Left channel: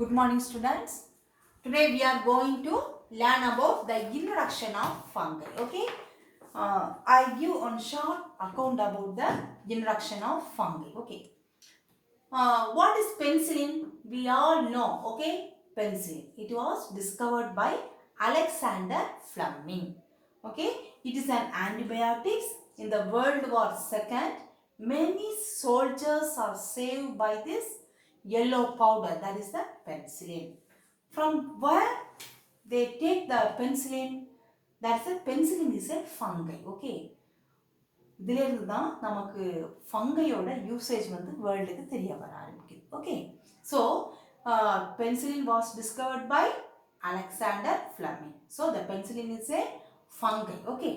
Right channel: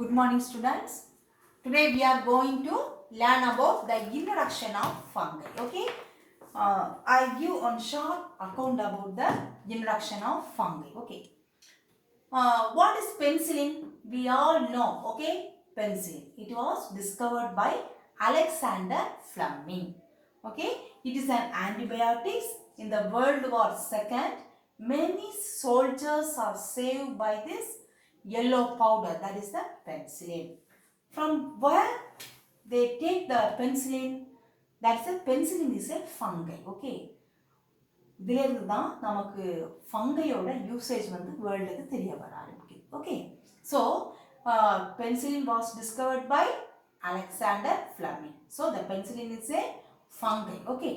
Good morning, students. Today we are going to learn about the introduction of fungi. Okay. I give one short account about the introduction of fungi. Okay. What is penicillin? We all know. Okay. Penicillin. It was discovered by Alexander Fleming. Okay. It is an antibiotic in the World War II. Many soldiers are saved by this yellow powder, that is the penicillin. From where they take the penicillin? That's a penicillin is a fungi. Okay. இதிலிருந்து தான் நமக்கு ஃபங்கையோட usage வந்து வேர்ல்டுக்கு தெரிய வர ஆரம்பிக்குது. Okay, so penicillin was discovered by Alexander Fleming. So the penicillin is a fungi. Okay,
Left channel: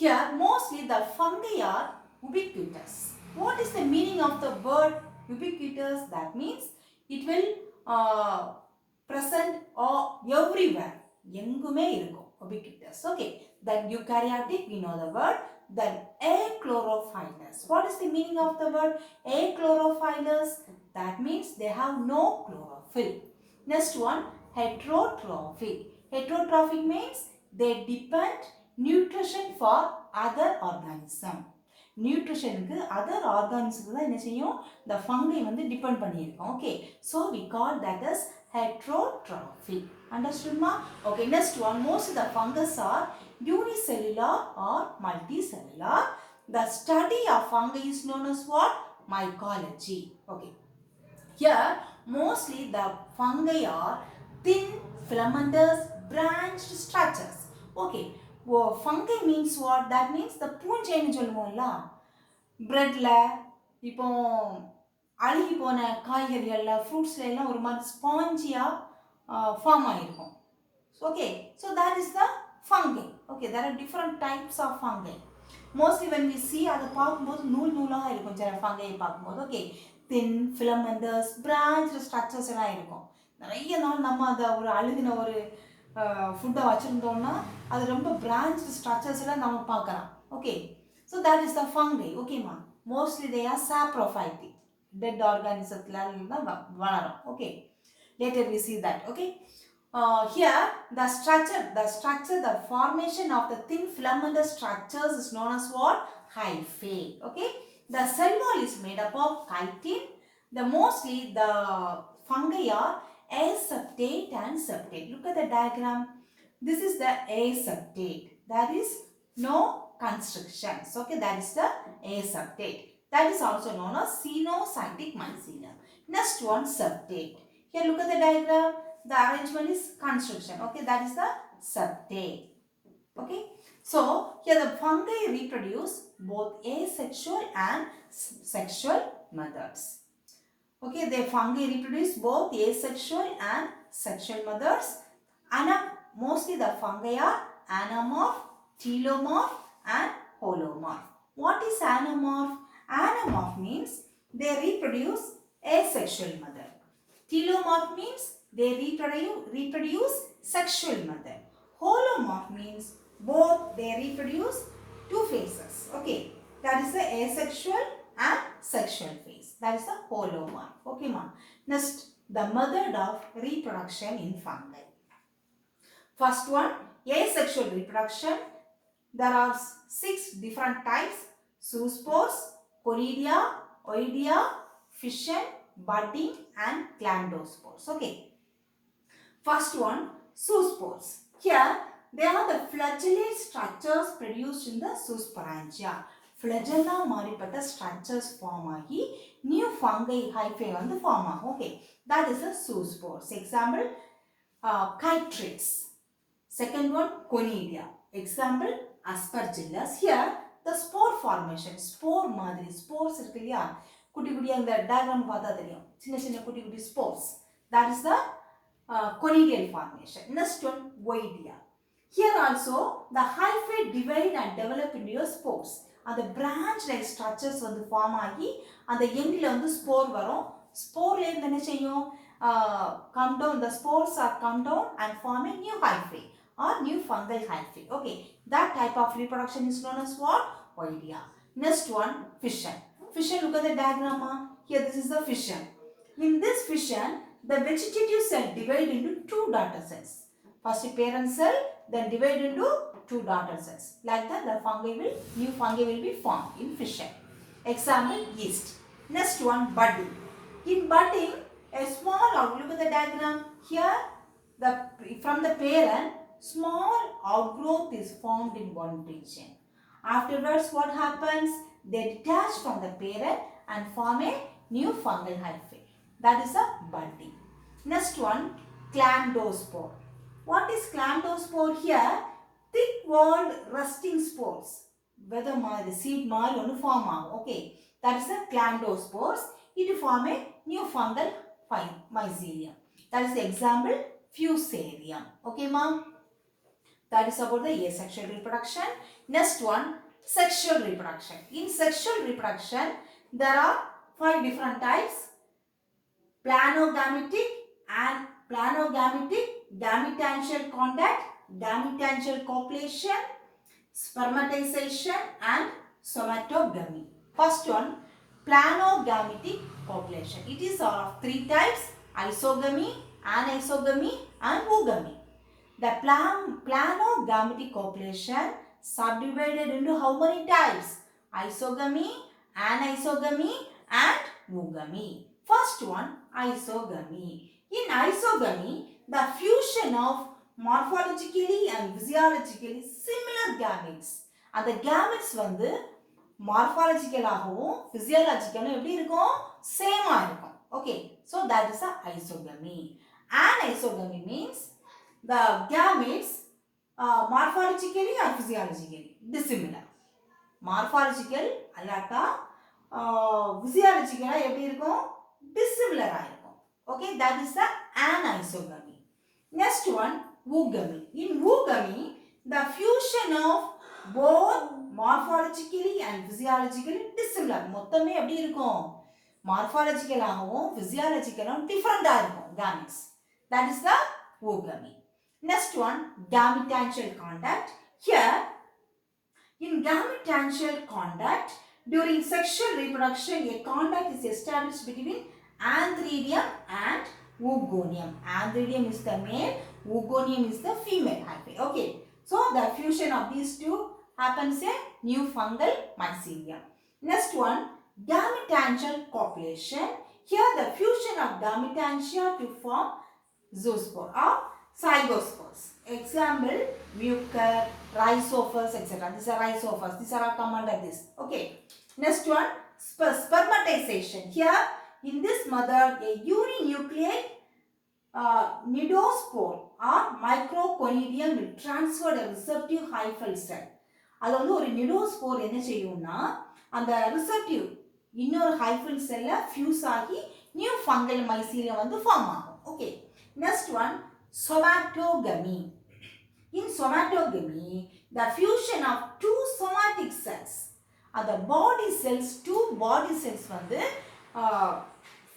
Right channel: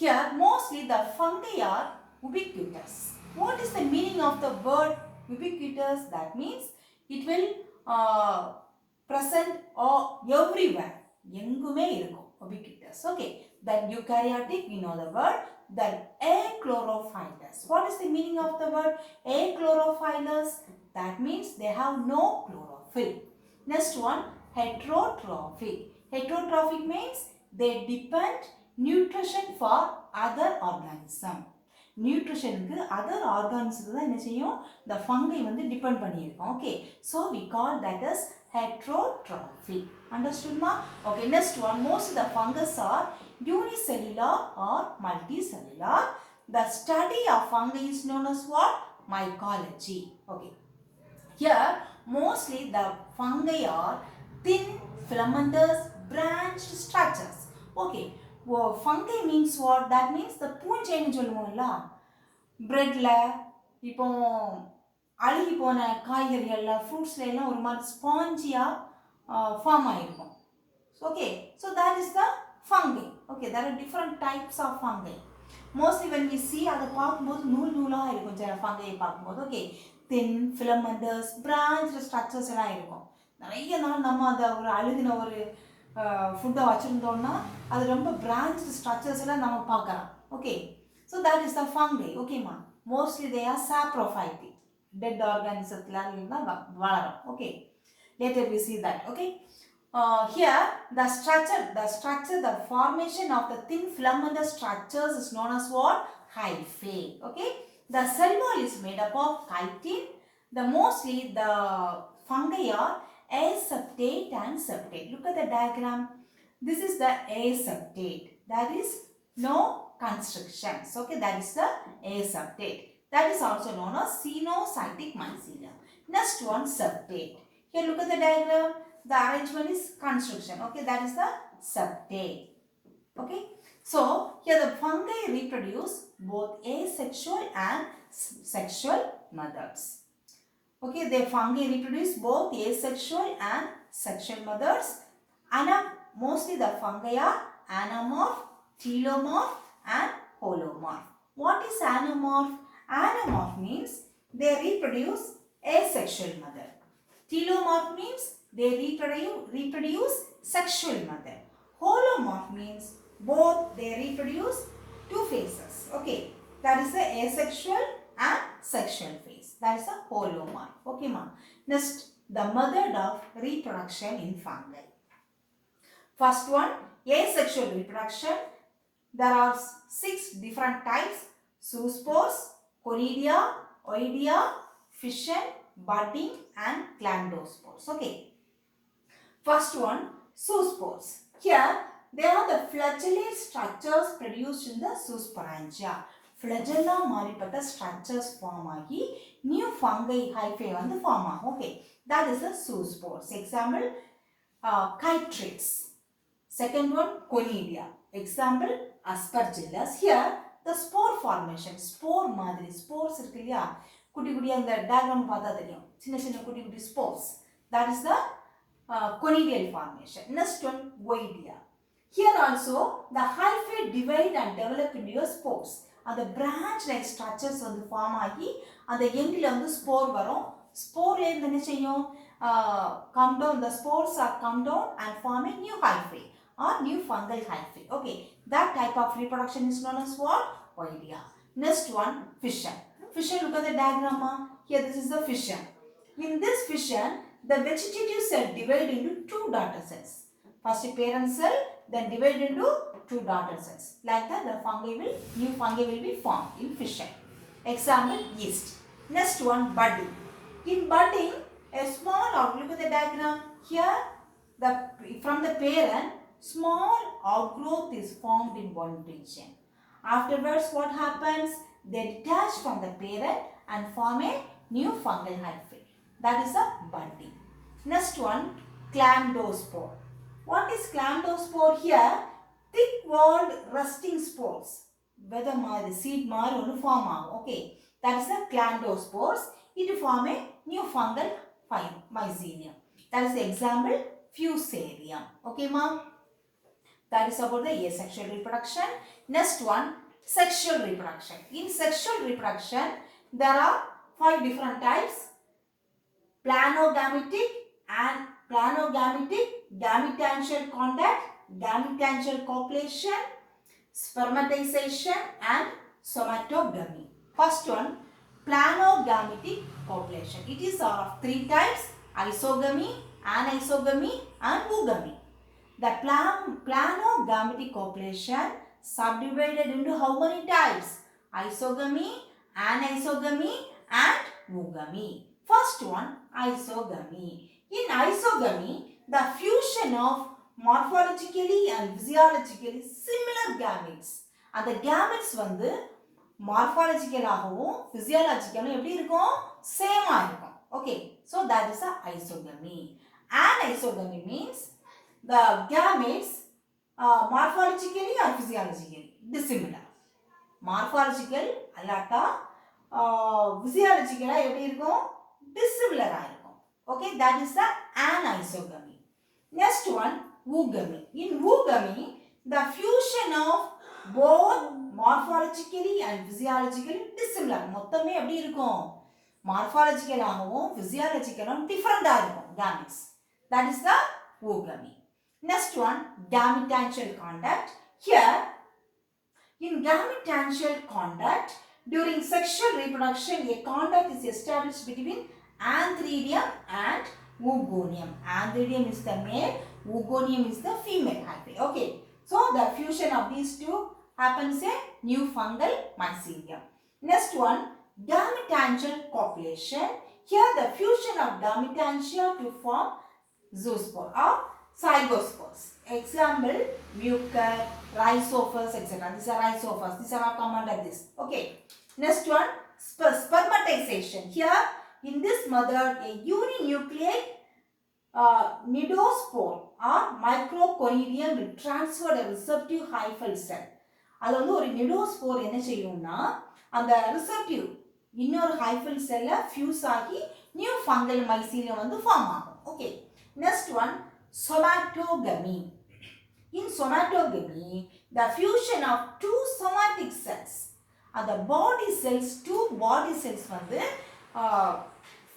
here mostly the fungi are ubiquitous. What is the meaning of the word ubiquitous? That means it will present everywhere. எங்குமே இருக்கும் ubiquitous. Okay, then eukaryotic, we know the word. Then achlorophyllus. What is the meaning of the word achlorophyllus? That means they have no chlorophyll. Next one, heterotrophic. Heterotrophic means they depend nutrition for other organism. நியூட்ரிஷனுக்கு other ஆர்கான்ஸுக்கு தான் என்ன செய்யும், இந்த fungi வந்து depend பண்ணியிருக்கோம். Okay, so we call that is heterotrophic. Understood ma? Okay, next one, most of the fungus are unicellular or multicellular. The study of fungi is known as what? Mycology. Okay, here mostly the fungi are thin filamentous branched structures. Okay, fungi means what? That means the பூஞ்சைன்னு சொல்லுவோம்ல, பிரெட்ல இப்போ அழுகி போன காய்கறிகளில் ஃப்ரூட்ஸில் எல்லாம் ஒரு மாதிரி ஸ்பாஞ்சியாக form ஆகிருக்கும். Okay, so that is the fungi. Okay, there are different types of fungi. Mostly when we see அதை பார்க்கும்போது நூல் நூலாக இருக்கும் சில ஃபங்கையை பார்க்கும்போது. Okay, thin filamentous branch structures எல்லாம் இருக்கும். நிறைய நாள் நம்ம அதை ஒரு அழுகின ஒரு ஃபுட்டை வச்சுருந்தோம்னா அது ரொம்ப பிரான்ச் ஸ்ட்ரக்சர்ஸ் எல்லாம் நம்ம பார்க்கலாம். Okay, so that is the fungi. ஓகேம்மா, mostly they are saprophytic. Dead ஆர்கானிசத்தில் தான் வளரும். Okay, later we see that. Okay, here the formation of the thin filamentous structures is known as what? Hyphae. Okay, the cell wall is made up of chitin. Mostly the fungi are aseptate and septate. Look at the diagram. This is the aseptate. That is no constrictions. Okay, that is the aseptate. That is also known as cenocytic mycelium. Next one, septate. Here look at the diagram. The arrangement is constriction. Okay, that is the septate. Okay, so here the fungi reproduce both asexual and sexual methods. Okay, the fungi reproduce both asexual and sexual methods. Mostly the fungi are anamorph, telomorph and holomorph. What is anamorph? Anamorph means they reproduce asexual method. Telomorph means they reproduce sexual method. Holomorph means both they reproduce two phases. Okay, that is the asexual and sexual phase. That is the holomorph. Okay ma. Next, the method of reproduction in fungi. First one, asexual reproduction. There are 6 different types: zoospores, conidia, oidea, fission, budding and glandospores. Okay, first one, zoospores. Here they are the flagellate structures produced in the zoosporangia. Flagella மாறிப்பட்ட structures form ஆகி new fungi hyphae வந்து form ஆகும். Okay, that is the zoospores. Example, chytrids. Second one, conidia. Example, aspergillus. Here the spore formation, spore மாதிரி spores இருக்கு இல்லையா, குட்டி குட்டியா இந்த diagram பார்த்தா தெரியும், சின்ன சின்ன குட்டி குட்டி spores. That is the conidial formation. Next one, oidea. Here also the hyphae divide and develop into spores. அந்த branch like structures வந்து ஃபார்ம் ஆகி அந்த எண்ட்ல வந்து ஸ்போர் வரும். ஸ்போர்ல இருந்து என்ன செய்யும், come down, the spores are come down and form a new hyphae or new fungal hyphae. Okay, that type of reproduction is known as what? Oidea. Next one, fission. Fission, look at the diagram. Here this is the fission. In this fission, the vegetative cell divide into two daughter cells. First parent cell, then divide into two daughter cells. Like that, new fungi will be formed in fission. Example, yeast. Next one, budding. In budding, a small, look at the diagram. Here, from the parent, small outgrowth is formed in one region. Afterwards, what happens? They detach from the parent and form a new fungal hyphae. That is a budding. Next one, chlamydospore. What is chlamydospore here? Thick-walled resting spores. Whether the seed form out. Okay, that is a chlamydospores. It form a new fungal mycelium. That is the example, fusarium. Okay, ma'am. That is about the asexual reproduction. Next one, sexual reproduction. In sexual reproduction, there are 5 different types: planogametic and planogametic, gametangential contact, gametangential copulation, spermatization, and somatogamy. First one, planogametic copulation. It is of 3 types: isogamy, anisogamy, and oogamy. The planogametic copulation subdivided into how many types? Isogamy, anisogamy, and oogamy. First one, isogamy. In isogamy, the fusion of morphologically and physiologically similar gametes. And the gametes வந்து morphologically physiologically எப்படி இருக்கும்? Same இருக்கும். Okay, so that is a isogamy. Anisogamy means the gametes morphologically or physiologically dissimilar. Morphological allata physiological எப்படி இருக்கும்? Dissimilar இருக்கும். Okay, that is the anisogamy. Next one, oogamy. In oogamy, the fusion of both morphologically and physiologically dissimilar. மொத்தமே எப்படி இருக்கும்? Morphological ஆகவும் physiological different இருக்கும் gametes. That is the oogamy. Next one, gametangential contact. Here, in gametangential contact, during sexual reproduction, a contact is established between antheridium and oogonium. Antheridium is the male, oogonium is the female hyphae. Okay, so the fusion of these two happens a new fungal mycelium. Next one, gametangential copulation. Here, the fusion of gametangia to form zoospore or zygospores. Example, mucor, rhizophus, etc. These are rhizophus. These are come under this. Okay. Next one, spermatization. Here, in this method, a uninucleate nidospore or microconidium will transfer a receptive hyphal cell. அது வந்து ஒரு nidospore என்ன செய்யும்னா அந்த receptive இன்னொரு hyphal cell fuse ஆகி new fungal mycelium வந்து form ஆகும். Okay. Next one, somatogamy. In somatogamy, the fusion of two somatic cells. The body cells, two body cells வந்து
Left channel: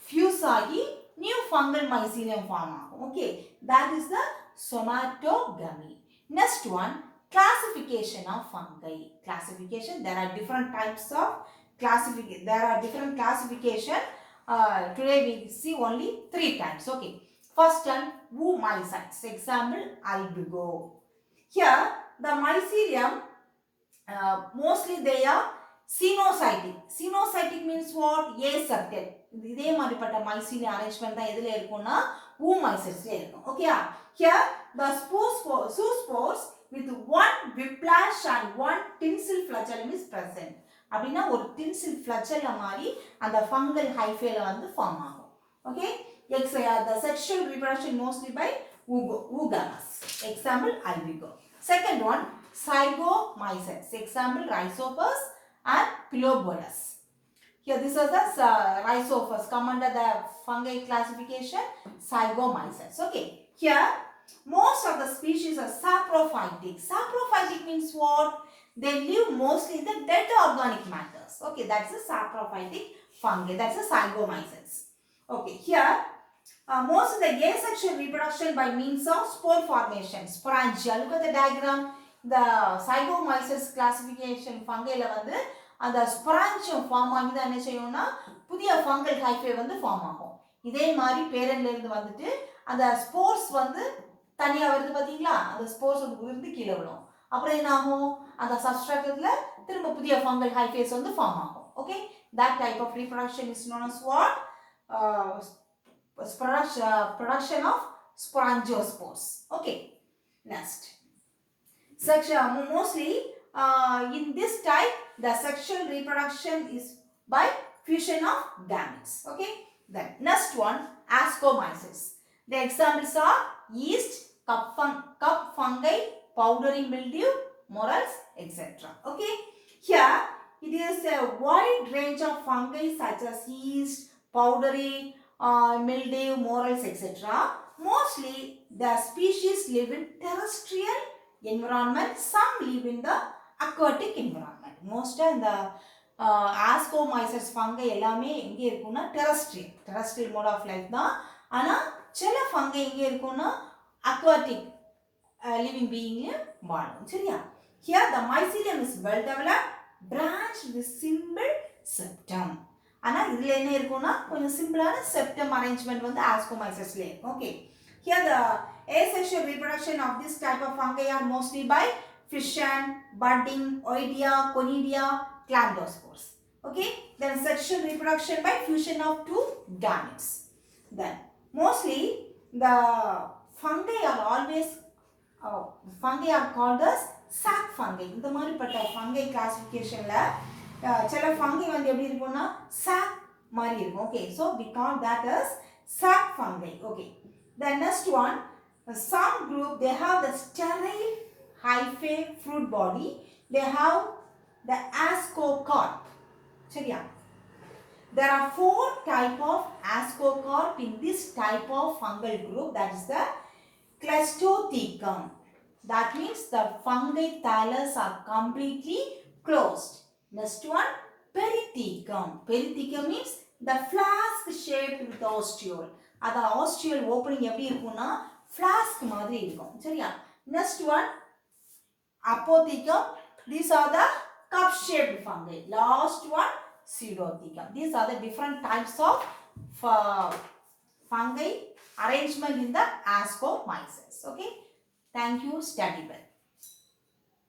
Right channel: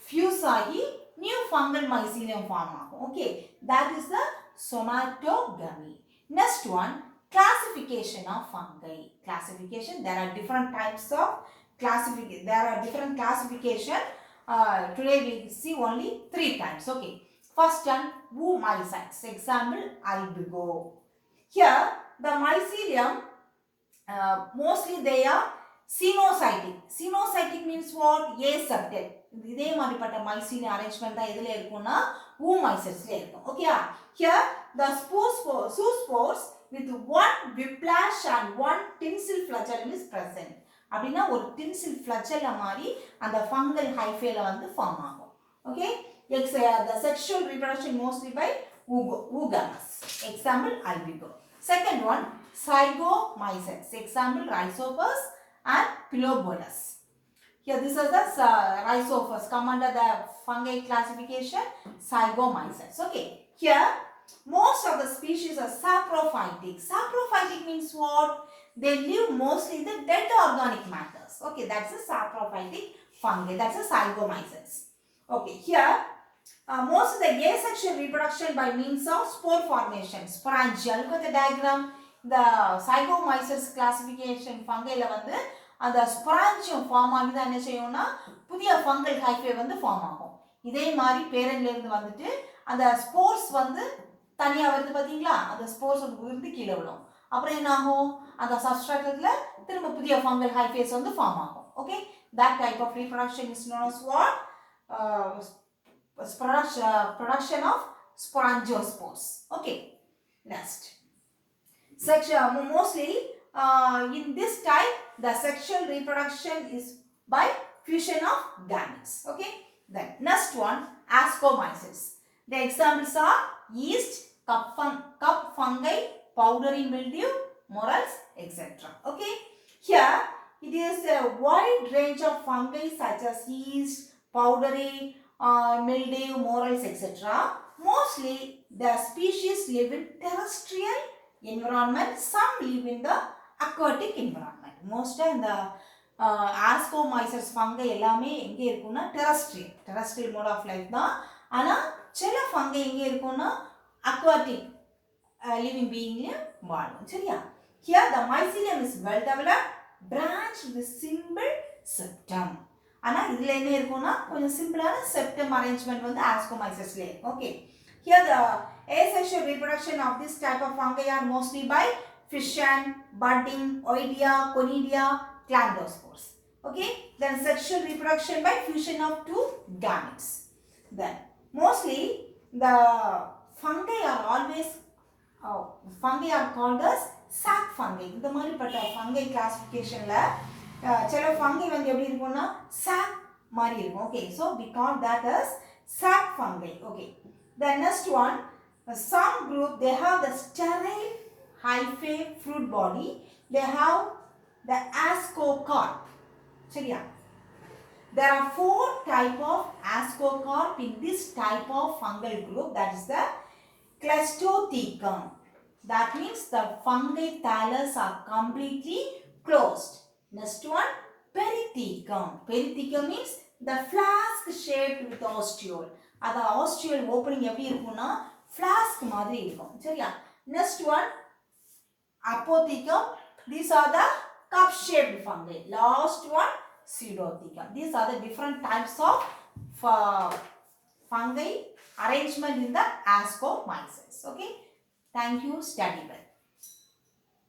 fuse ஆகி new fungal mycelium form ஆகும். Okay, that is the somatogamy. Next one, classification of fungi. Classification, there are different types of classification. There are different classification. Today we see only 3 types. Okay. First one, oomycetes. Example, albigo. Here, the mycelium, mostly they are cenocytic. Cenocytic means what? Aseptate. இதே மாதிரிப்பட்ட mycelium arrangement தான் எதுல இருக்கும்னா oomycetes ல இருக்கும். Okay. Here, the zoospores with one whiplash and one tinsel flagellum is present. அப்படின்னா ஒரு tinsel flagellum மாதிரி அந்த fungal hyphae வந்து form ஆகும். Okay. The sexual reproduction mostly by oogamous. Example, albigo. Second one, zygomycetes. Example, rhizophus and pilobolus. Here, this is the rhizophus. Come under the fungi classification, zygomycetes. Okay. Here, most of the species are saprophytic. Saprophytic means what? They live mostly in the dead organic matters. Okay, that's a saprophytic fungi. That's a zygomycetes. Okay, here, most of the asexual reproduction by means of spore formation. Sporangia. Look at the diagram. The zygomycetes classification fungi la வந்து அந்த sporangium form ஆகி தான் என்ன செய்யும்னா புதிய fungal hyphae வந்து form ஆகும். இதே மாதிரி பேரண்ட்ல இருந்து வந்துட்டு அந்த ஸ்போர்ஸ் வந்து தனியா வருது பாத்தீங்களா, அந்த ஸ்போர்ஸ் வந்து உதிர்ந்து கீழே விடும். அப்புறம் என்ன ஆகும், அந்த சப்ஸ்ட்ராட்டத்துல திரும்ப புதிய ஃபங்கல் ஹைஃபேஸ் வந்து ஃபார்ம் ஆகும். Okay, that type of reproduction is known as what? Production of sporangiosperms. Okay, next. Mostly in this type, the sexual reproduction is by fusion of gametes. Okay, then next one, ascomyces. The examples are yeast, cup fungi, powdery mildew, morels, etc. Okay, here it is a wide range of fungi such as yeast, powdery mildew, morels, etc. Mostly the species live in terrestrial environment, some live in the aquatic environment. Most in the ascomyces fungi எல்லாமே எங்க இருக்கும்னா terrestrial mode of life தான். ஆனா சில fungi எங்க இருக்கும்னா aquatic living being வாழும். சரியா? Here the mycelium is well developed, branched with simple septum. ஆனா இதுல என்ன இருக்கும்னா கொஞ்சம் சிம்பிளான septum arrangement வந்து ascomycesல இருக்கு. Okay, here the asexual reproduction of this type of fungi are mostly by fission, budding, oidea, conidia, chlamydospores. Okay, then sexual reproduction by fusion of two gametes. Then mostly the fungi are always fungi are called as sac fungi. இந்த மாதிரிப்பட்ட fungi classificationல சில fungi வந்து எப்படி இருக்கும்னா sac மாதிரி இருக்கும். Okay, so we call that as sac fungi. Okay, the next one, some group they have the sterile hyphae fruit body, they have the ascocarp. சரியா? There are 4 type of ascocarp in this type of fungal group, that is the Clastothecum. That means the fungi thallus are completely closed. Next one, Perithecum. Perithecum means the flask shaped with ostiole. அது ostiole opening எப்படி இருக்கும்னா flask மாதிரி இருக்கும். சரியா? Next one, Apothecum. These are the cup shaped fungi. Last one, Pseudothecum. These are the different types of fungi arrangement in the ascomyces. Okay, thank you, study well.